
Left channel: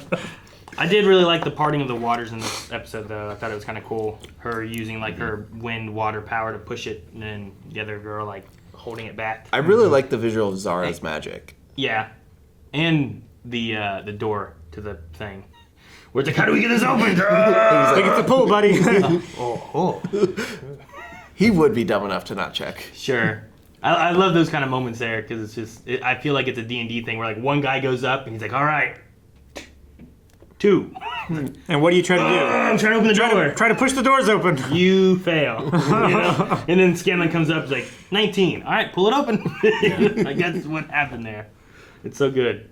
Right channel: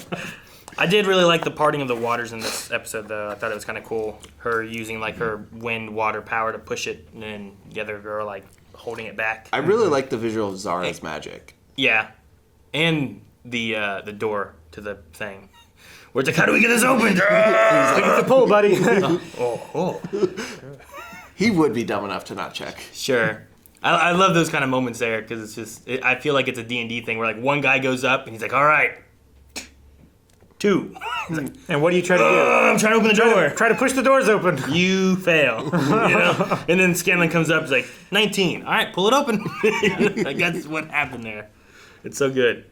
I did really like the parting of the waters in this episode, though. I thought it was kind of cool. Her using her wind water power to push it, and then the other girl holding it back. I really like the visual of Zara's magic. Yeah, and the door to the thing. Where it's how do we get this open, girl? It's the pull, buddy. oh. He would be dumb enough to not check. Sure. I love those kind of moments there because it's just I feel like it's a D&D thing where one guy goes up and he's like, all right. 2. And what do you try to do? I'm trying to open the door. Try to push the doors open. You fail. And then Scanlan comes up, it's like, 19. All right, pull it open. Like, that's what happened there. It's so good.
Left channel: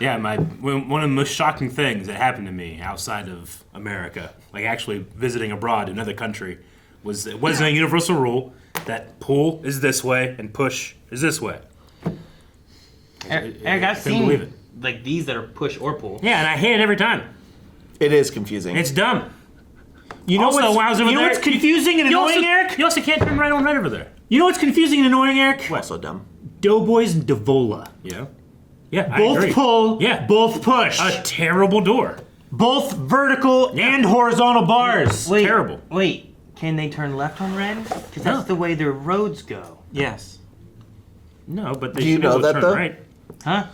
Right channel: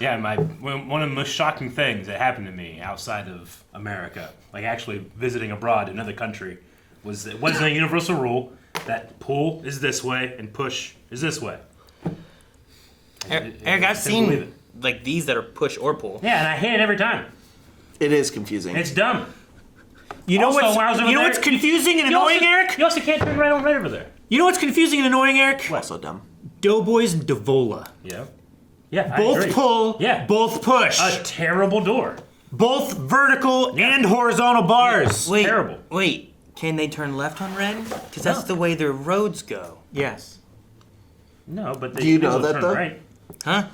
Yeah, one of the most shocking things that happened to me outside of America, like actually visiting abroad in another country, was it wasn't a universal rule that pull is this way and push is this way. Eric, I've seen like these that are push or pull. Yeah, and I hate it every time. It is confusing. It's dumb. You know Also, what's confusing and annoying, Eric? You also can't turn right on red over there. You know what's confusing and annoying, Eric? What? Also dumb. Doughboys and Devola. Yeah. Yeah, Both I agree. pull, Yeah. both push. A terrible door. Both vertical and horizontal bars. Wait, Terrible. Wait, can they turn left on red? Because that's the way their roads go. Yes. No, but they Do you should be know able to that, turn though? right. Huh?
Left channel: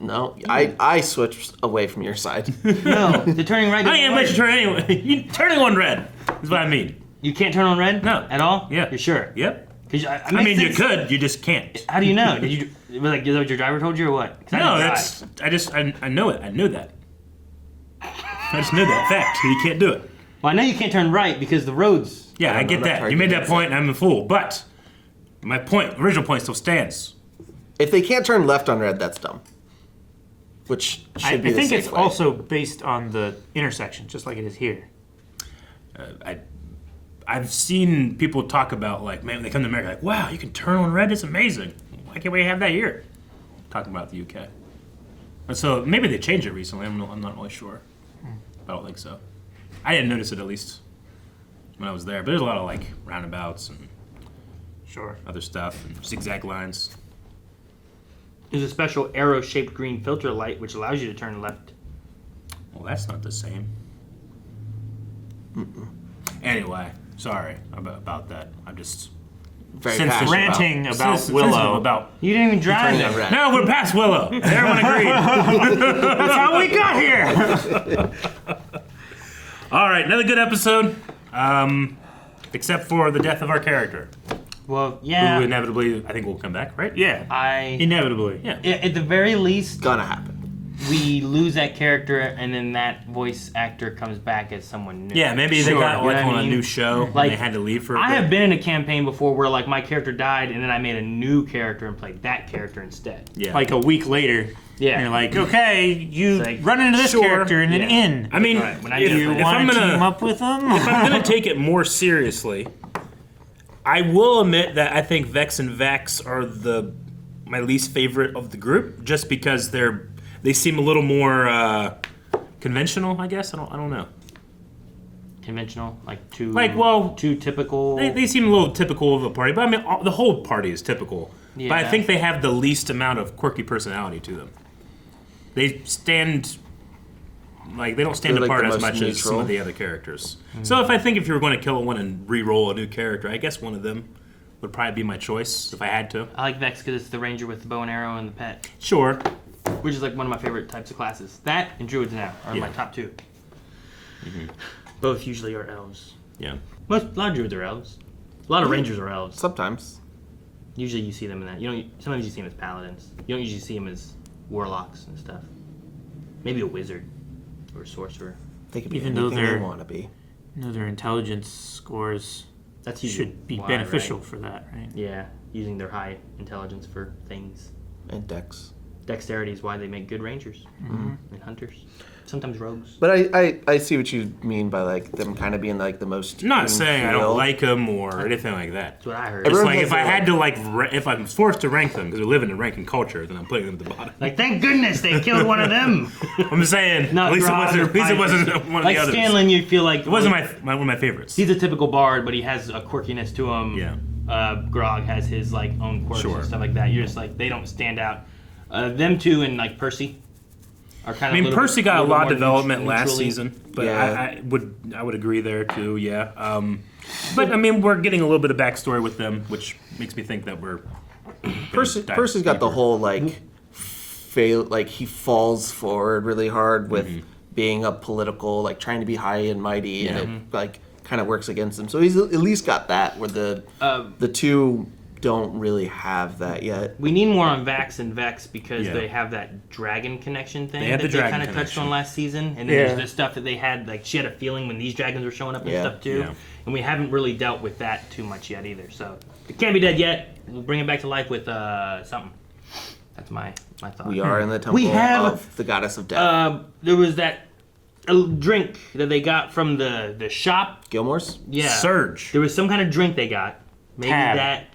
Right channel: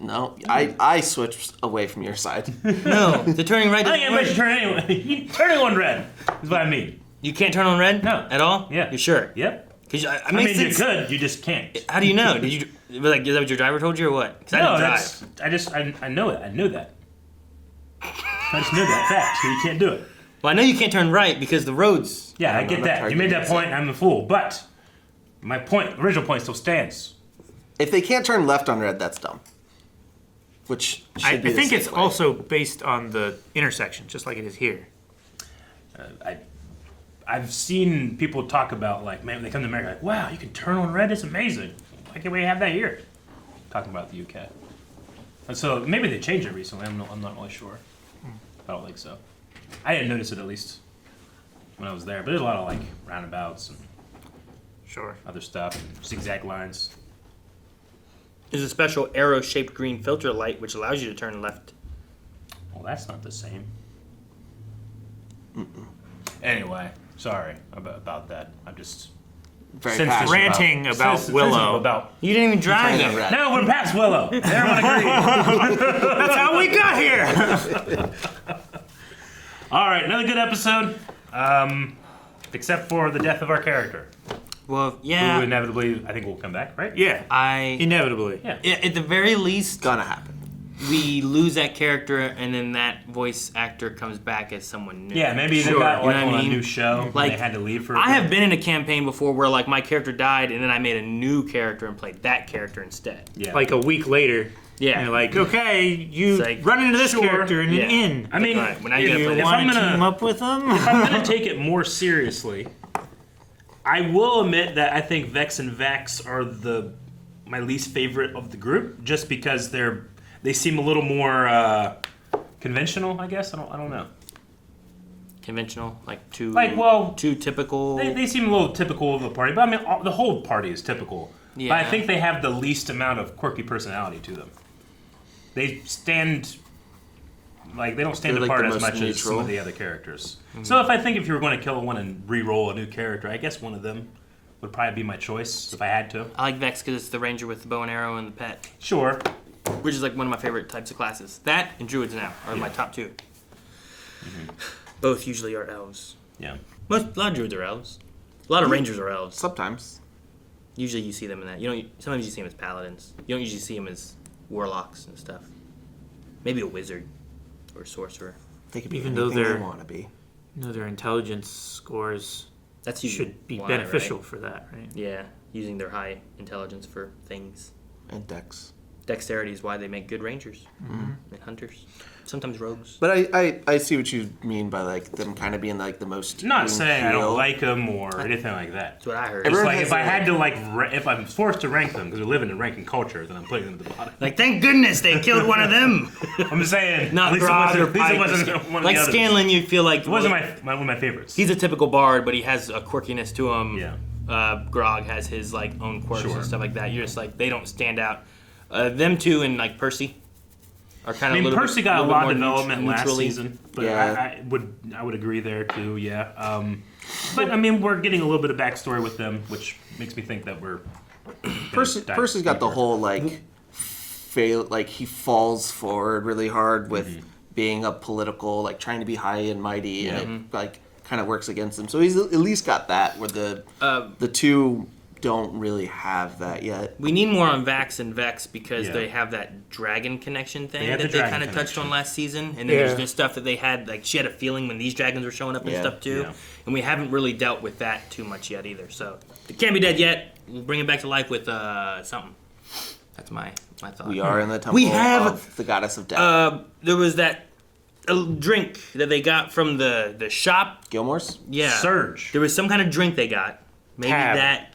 No, I switched away from your side. No, the turning right. I am, but you turn anyway. Turning on red is what I mean. You can't turn on red? No. At all? Yeah. You sure? Yep. I I mean, you could, you just can't. How do you know? Did you like? Is that what your driver told you or what? 'Cause I No, didn't drive. I know it. I knew that. I just knew that fact. You can't do it. Well, I know you can't turn right because the roads. Yeah, I get that. You made that point. I'm a fool, but my original point, still stands. If they can't turn left on red, that's dumb. Which should I be the think same it's way. also based on the intersection, just like it is here. I've seen people talk about, like, man, when they come to America, like, wow, you can turn on red. It's amazing. Why can't we have that here? Talking about the UK. And so maybe they changed it recently. I'm not really sure. I don't think so. I didn't notice it, at least when I was there. But there's a lot of like roundabouts and other stuff, and zigzag lines. There's a special arrow-shaped green filter light which allows you to turn left. Well, that's not the same. Anyway, sorry about that. I'm just sensitive ranting about Willow. About you didn't even drive it. No, we're past Willow. Everyone agreed. That's how we got here. All right, another good episode. Except for the death of our character. Well, yeah. Who inevitably, I think, will come back, right? Yeah. Inevitably. Yeah. At the very least, gonna happen. We lose that character, and then that voice actor comes back as someone new. Yeah, maybe they got like on a new show like, and they had to leave for a I bit. have been in a campaign before where like my character died, and then I made a new character and played that character instead. Yeah. Like a week later. Yeah. And you're like, okay, you like, run into this sure. character in an inn. I mean, Right, when I if, get you if want I'm to gonna team up with them? if I'm gonna take it more seriously, I will admit that I think Vex and Vax are my least favorite of the group, just because they seem a little more conventional. I guess I don't know. Conventional, like too typical. They seem a little typical of the party, but I mean the whole party is typical. Yeah. But I think they have the least amount of quirky personality to them. They stand they don't stand They're, like, apart the as most much as some neutral. of the other characters. So if you were going to kill one and re-roll a new character, I guess one of them would probably be my choice if I had to. I like Vex because it's the ranger with the bow and arrow and the pet. Sure. Which is like one of my favorite types of classes. That and druids now are my top two. Both usually are elves. Yeah. A lot of druids are elves. A lot of rangers are elves. Sometimes. Usually you see them in that. Sometimes you see them as paladins. You don't usually see them as warlocks and stuff. Maybe a wizard or a sorcerer. They could be Even though anything they're they want to be. Their intelligence scores That's usually should be why, beneficial right? for that, right? Yeah, using their high intelligence for things. And Dex. Dexterity is why they make good rangers and hunters. Sometimes rogues. But I see what you mean by like them kind of being like the most. I'm not saying I don't imperial. like them or anything like that. That's what I heard. It's Everyone like has if I their, had to if I'm forced to rank them because they're living in ranking culture, then I'm putting them at the bottom. Like, thank goodness they killed one of them. I'm saying Not at least Grog or it wasn't one of like the others. Scanlan, you feel like It wasn't one of my favorites. he's a typical bard, but he has a quirkiness to him. Yeah. Grog has his like own quirks Sure. and stuff like that. You're just like they don't stand out. Them two and like Percy are kind of. I mean, Percy got a lot of development last neutrally. season, but Yeah. I would agree there too. Yeah. But I mean, we're getting a little bit of backstory with them, which makes me think that we're. Percy's got the whole like fail, like he falls forward really hard with being a political, like trying to be high and mighty, and it like kind of works against him. So he's at least got that where the two don't really have that yet. We need more on Vax and Vex because Yeah. they have that dragon connection thing They have that the they dragon kind of touched connection. on last season. And then Yeah. there's this stuff that they had, like, she had a feeling when these dragons were showing up and Yeah. stuff too. Yeah. And we haven't really dealt with that too much yet either. So it can't be dead yet. We'll bring it back to life with something. That's my thought. We are in the temple We have- of the goddess of death. There was that a drink that they got from the shop. Gilmore's? Yeah. Surge. There was some kind of drink they got. Maybe Tab. that.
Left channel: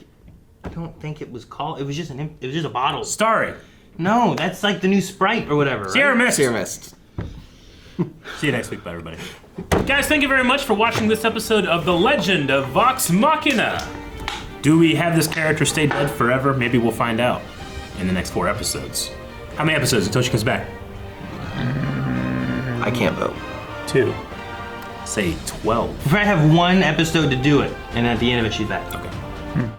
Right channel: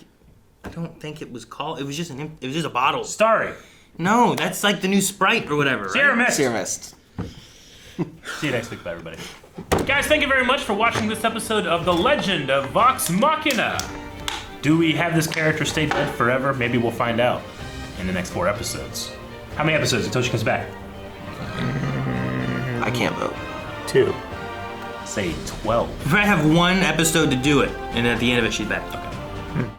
I don't think it was called. It was just a bottle. Starry. No, that's like the new Sprite or whatever. Right? Sierra Mist. Seer Mist. See you next week. Bye, everybody. Guys, thank you very much for watching this episode of The Legend of Vox Machina. Do we have this character stay dead forever? Maybe we'll find out in the next 4 episodes. How many episodes until she comes back? I can't vote. 2. Say 12. I have one episode to do it, and at the end of it, she's back. Okay.